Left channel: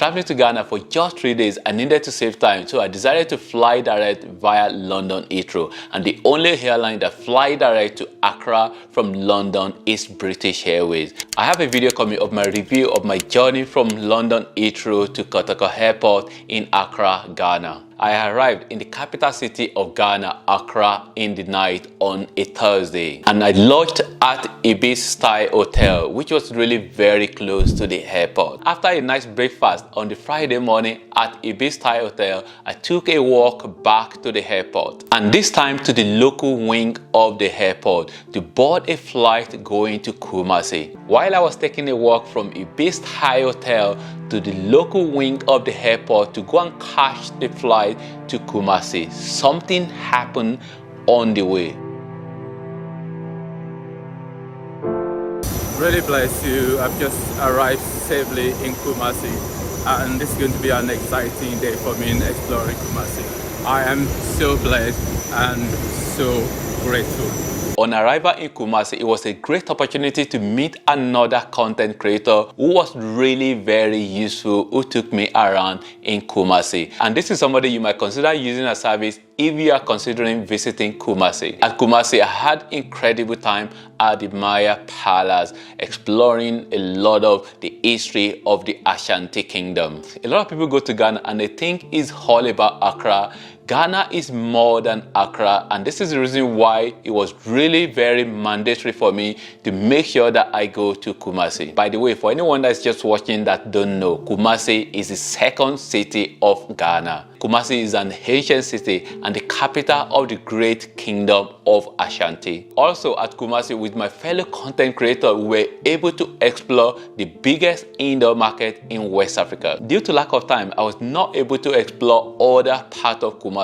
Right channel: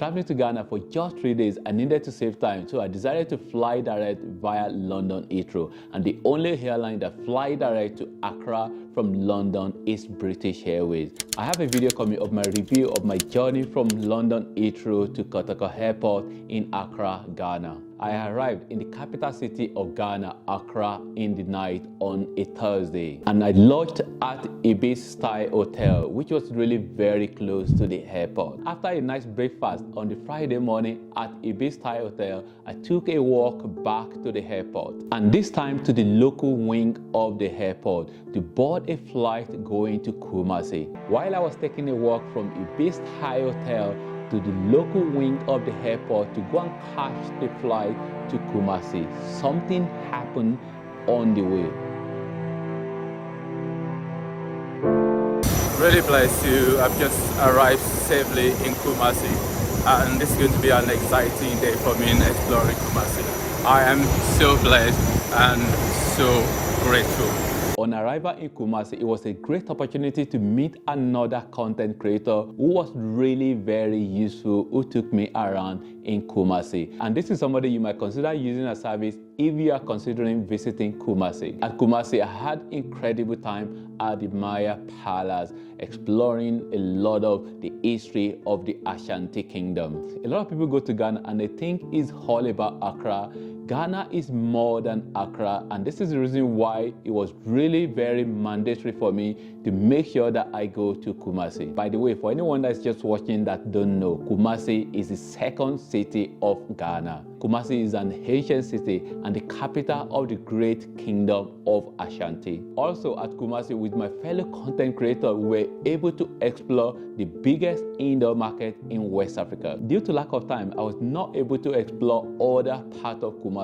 Traveling to Ghana for just 3 days, I needed to save time, so I decided to fly direct via London Heathrow, and the only airline that fly direct to Accra from London is British Airways. I have a video coming of my review of my journey from London Heathrow to Kotoko Airport in Accra, Ghana. I arrived in the capital city of Ghana, Accra, in the night on a Thursday, and I lodged at Ibis Style Hotel, which was really very close to the airport. After a nice breakfast on the Friday morning at Ibis Style Hotel, I took a walk back to the airport, and this time to the local wing of the airport to board a flight going to Kumasi. While I was taking a walk from Ibis Style Hotel to the local wing of the airport to go and catch the flight to Kumasi, something happened on the way. Really blessed to have just arrived safely in Kumasi, and this is going to be an exciting day for me in exploring Kumasi. I am so blessed and so grateful. On arrival in Kumasi, it was a great opportunity to meet another content creator who was really very useful, who took me around in Kumasi. And this is somebody you might consider using a service if you are considering visiting Kumasi. At Kumasi, I had incredible time at the Maya Palace, exploring a lot of the history of the Ashanti Kingdom. A lot of people go to Ghana and they think it's all about Accra. Ghana is more than Accra, and this is the reason why it was really very mandatory for me to make sure that I go to Kumasi. By the way, for anyone that's just watching that don't know, Kumasi is the second city of Ghana. Kumasi is an ancient city and the capital of the great kingdom of Ashanti. Also at Kumasi, with my fellow content creator, we were able to explore the biggest indoor market in West Africa. Due to lack of time, I was not able to explore other parts of Kumasi.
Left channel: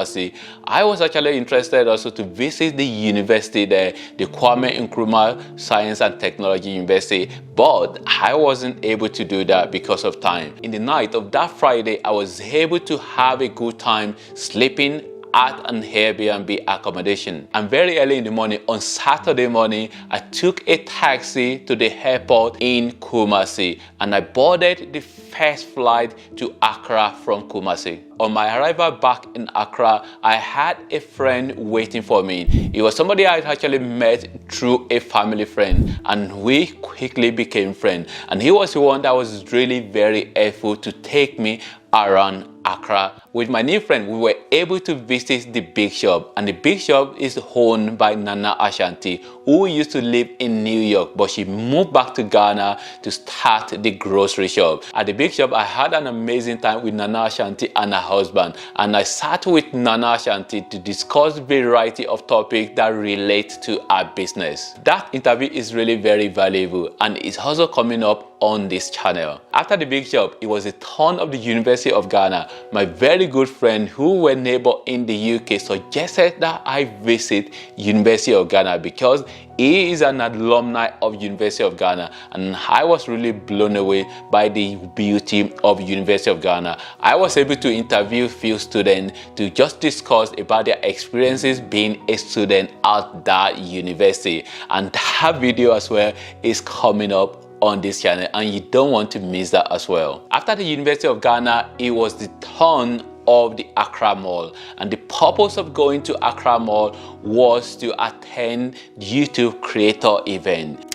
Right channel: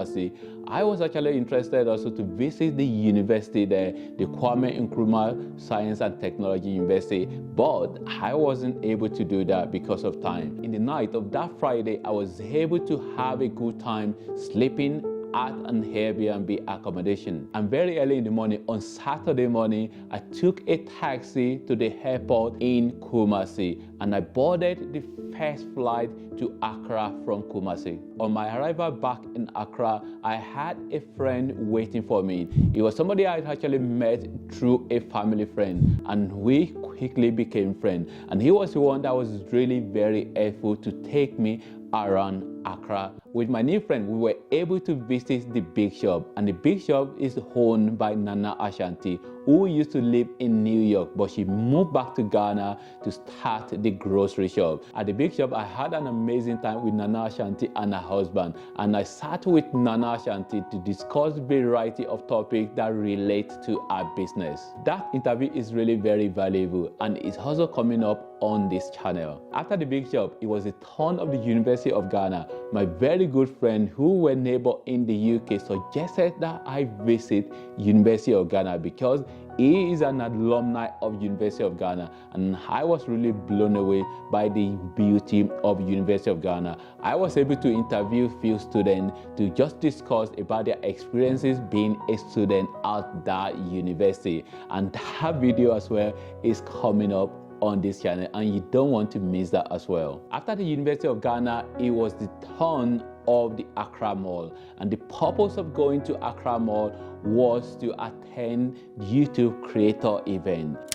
I was actually interested also to visit the university there, the Kwame Nkrumah Science and Technology University, but I wasn't able to do that because of time. In the night of that Friday, I was able to have a good time sleeping at an Airbnb accommodation. And very early in the morning, on Saturday morning, I took a taxi to the airport in Kumasi, and I boarded the first flight to Accra from Kumasi. On my arrival back in Accra, I had a friend waiting for me. It was somebody I actually met through a family friend, and we quickly became friends. And he was the one that was really very helpful to take me around Accra. With my new friend, we were able to visit the big shop, and the big shop is owned by Nana Ashanti, who used to live in New York, but she moved back to Ghana to start the grocery shop. At the big shop, I had an amazing time with Nana Ashanti and her husband, and I sat with Nana Ashanti to discuss a variety of topics that relate to our business. That interview is really very valuable, and it's also coming up on this channel. After the big shop, it was the turn of the University of Ghana. My very good friend who were neighbor in the UK suggested that I visit University of Ghana because he is an alumni of University of Ghana, and I was really blown away by the beauty of University of Ghana. I was able to interview few students to just discuss about their experiences being a student at that university, and that video as well is coming up on this channel, and you don't want to miss that as well. After the University of Ghana, it was the turn of the Accra Mall, and the purpose of going to Accra Mall was to attend the YouTube creator event.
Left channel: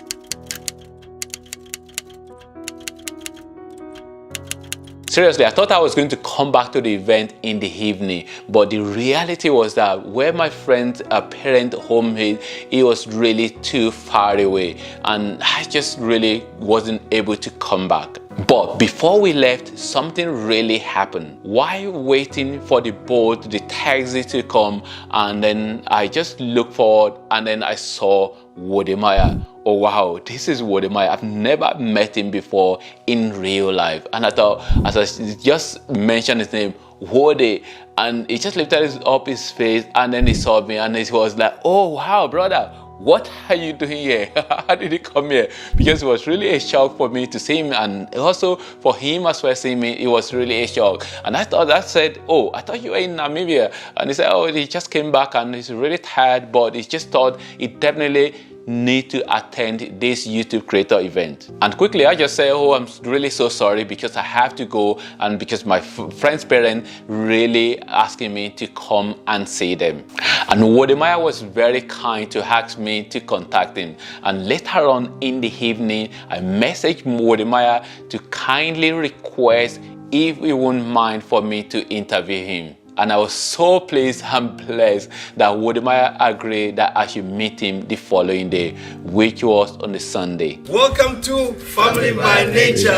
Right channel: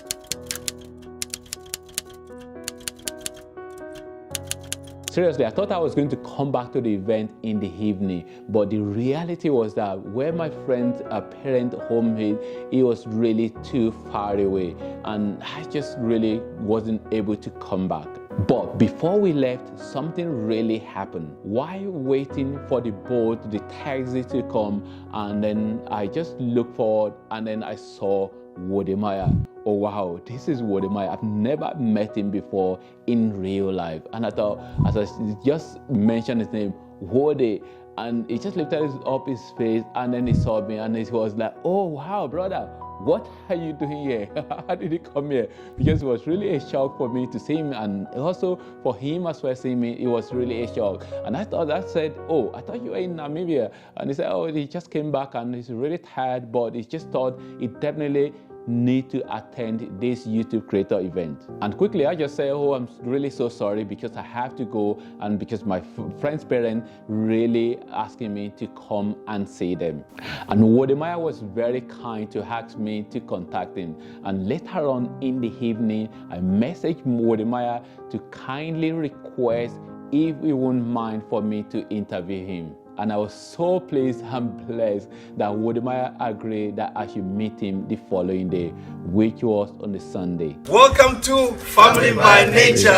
Seriously, I thought I was going to come back to the event in the evening, but the reality was that where my friend's parent home is, it was really too far away, and I just really wasn't able to come back. But before we left, something really happened. While waiting for the boat, the taxi to come, and then I just looked forward, and then I saw Wodemaya. Oh wow, this is Wodemaya. I've never met him before in real life. And I thought, as I just mentioned his name, Wode, and he just lifted up his face, and then he saw me, and he was like, oh wow, brother, what are you doing here? How did you come here? Because it was really a shock for me to see him, and also for him as well seeing me, it was really a shock. And I said, oh, I thought you were in Namibia. And he said, oh, he just came back and he's really tired, but he just thought he definitely need to attend this YouTube creator event. And quickly I just say, oh, I'm really so sorry because I have to go, and because my friend's parents really asking me to come and see them. And Wodemaya was very kind to ask me to contact him. And later on in the evening, I messaged Wodemaya to kindly request if he wouldn't mind for me to interview him. And I was so pleased and blessed that Wodemaya agreed that I should meet him the following day, which was on the Sunday. Welcome to Family by Nature.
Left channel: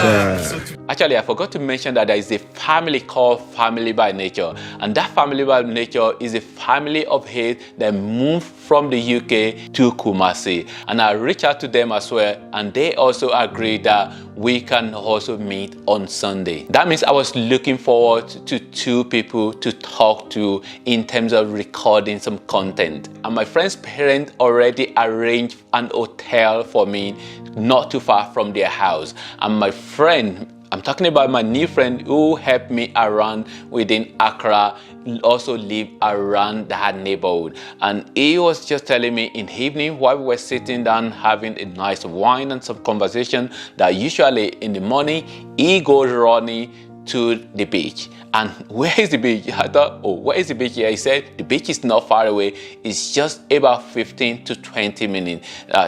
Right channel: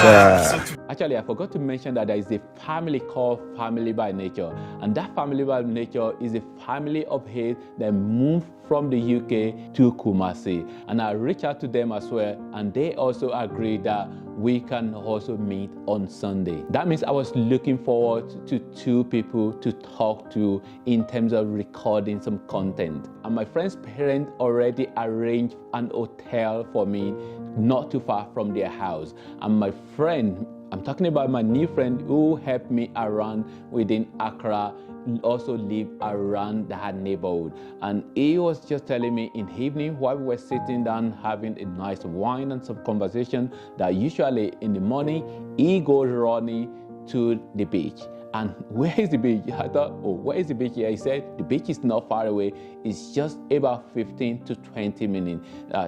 Actually, I forgot to mention that there is a family called Family by Nature. And that Family by Nature is a family of 8 that moved from the UK to Kumasi. And I reached out to them as well, and they also agreed that we can also meet on Sunday. That means I was looking forward to 2 people to talk to in terms of recording some content. And my friend's parents already arranged an hotel for me not too far from their house. And my friend, I'm talking about my new friend who helped me around within Accra, also live around that neighborhood. And he was just telling me in the evening while we were sitting down having a nice wine and some conversation that usually in the morning he goes running to the beach. And where is the beach? I thought, oh, where is the beach here? He said the beach is not far away. It's just about 15 to 20 minutes.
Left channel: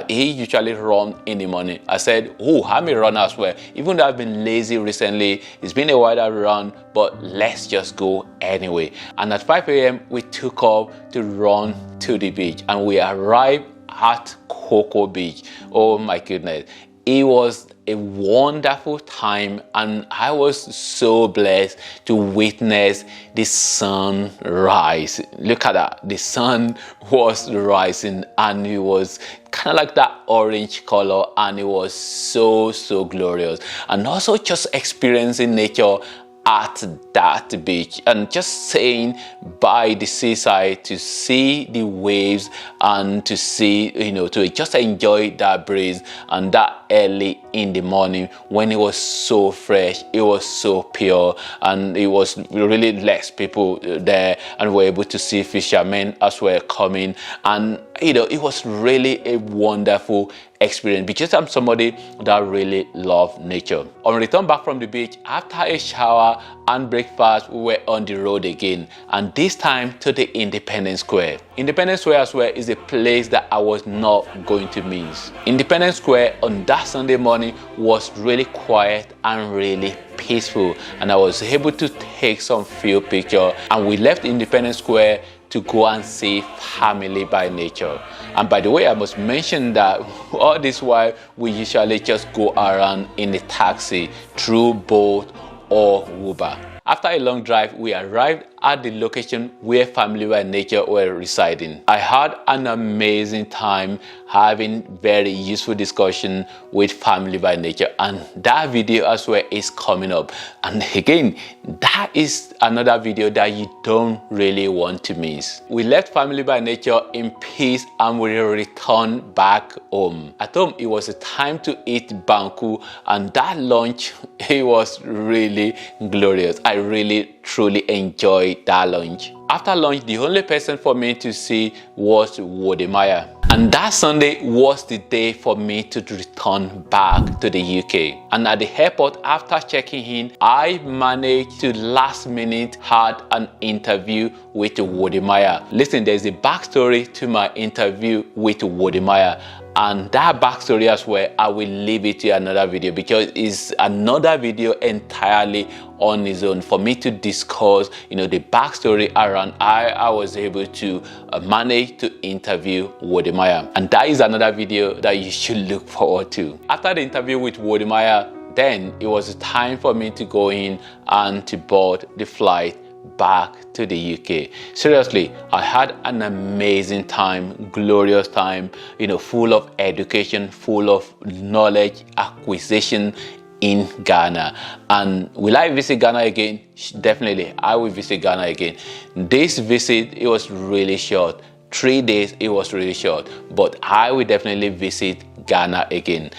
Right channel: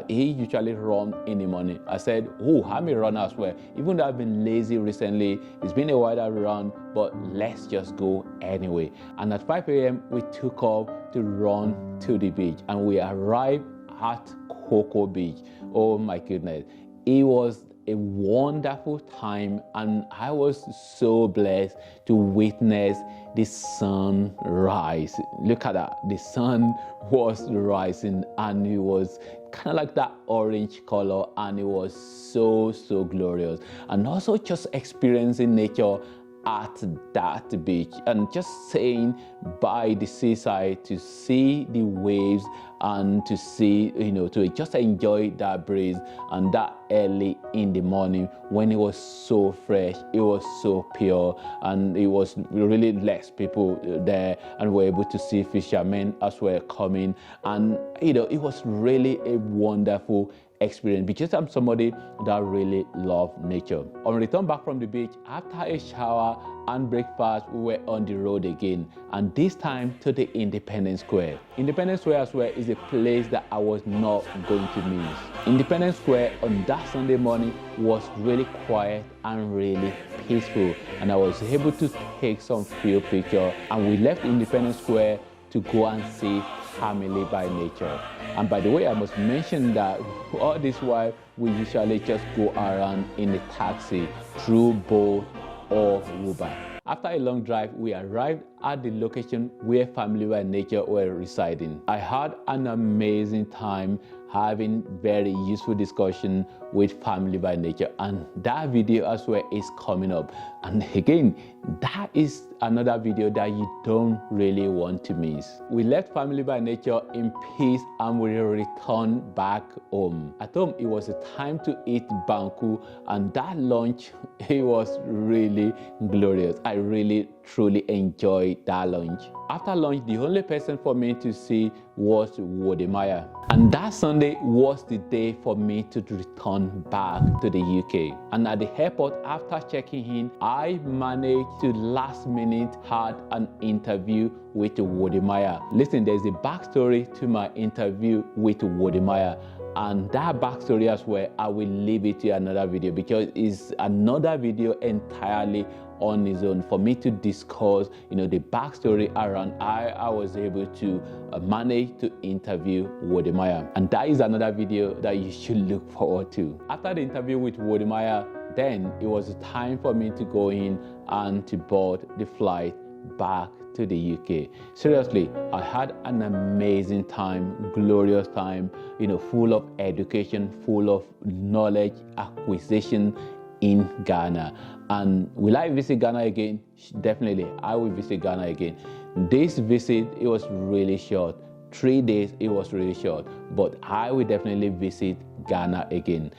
He usually runs in the morning. I said, oh, I may run as well. Even though I've been lazy recently, it's been a while I run, but let's just go anyway. And at 5 a.m. we took off to run to the beach, and we arrived at Cocoa Beach. Oh my goodness. It was a wonderful time, and I was so blessed to witness the sun rise. Look at that. The sun was rising, and it was kind of like that orange color, and it was so glorious. And also just experiencing nature at that beach and just staying by the seaside to see the waves and to see, to just enjoy that breeze, and that early in the morning when it was so fresh, it was so pure, and it was really less people there, and we were able to see fishermen as well coming. And it was really a wonderful experience because I'm somebody that really loves nature. On return back from the beach, after a shower and breakfast, we were on the road again, and this time to the Independence Square. Independence Square as well is a place that I was not going to miss. Independence Square on that Sunday morning was really quiet and really peaceful, and I was able to take some few pictures, and we left Independence Square to go and see Family by Nature. And by the way, I must mention that all this while we usually just go around in a taxi through boat or Uber. After a long drive, we arrived at the location where Family by Nature were residing. I had an amazing time having very useful discussion with Family by Nature, and that video as well is coming up. And again, that is another video that you don't really want to miss. We left Family by Nature in peace and we returned back home. At home, it was a time to eat banku, and that lunch, it was really glorious. I really truly enjoyed that lunch. After lunch, the only person for me to see was Wodemaya. And that Sunday was the day for me to return back to the UK. And at the airport, after checking in, I managed to last minute had an interview with Wodemaya. Listen, there's a backstory to my interview with Wodemaya. And that backstory as well, I will leave it to another video because it's another video entirely on its own for me to discuss, the backstory around how I was able to manage to interview Wodemaya. And that is another video that you should look forward to. After the interview with Wodemaya, then it was time for me to go in and to board the flight back to the UK. Seriously, I had an amazing time, glorious time, full of education, full of knowledge acquisition in Ghana. And will I visit Ghana again? Definitely, I will visit Ghana again. This visit, it was really short. 3 days, it was really short, but I will definitely visit Ghana again.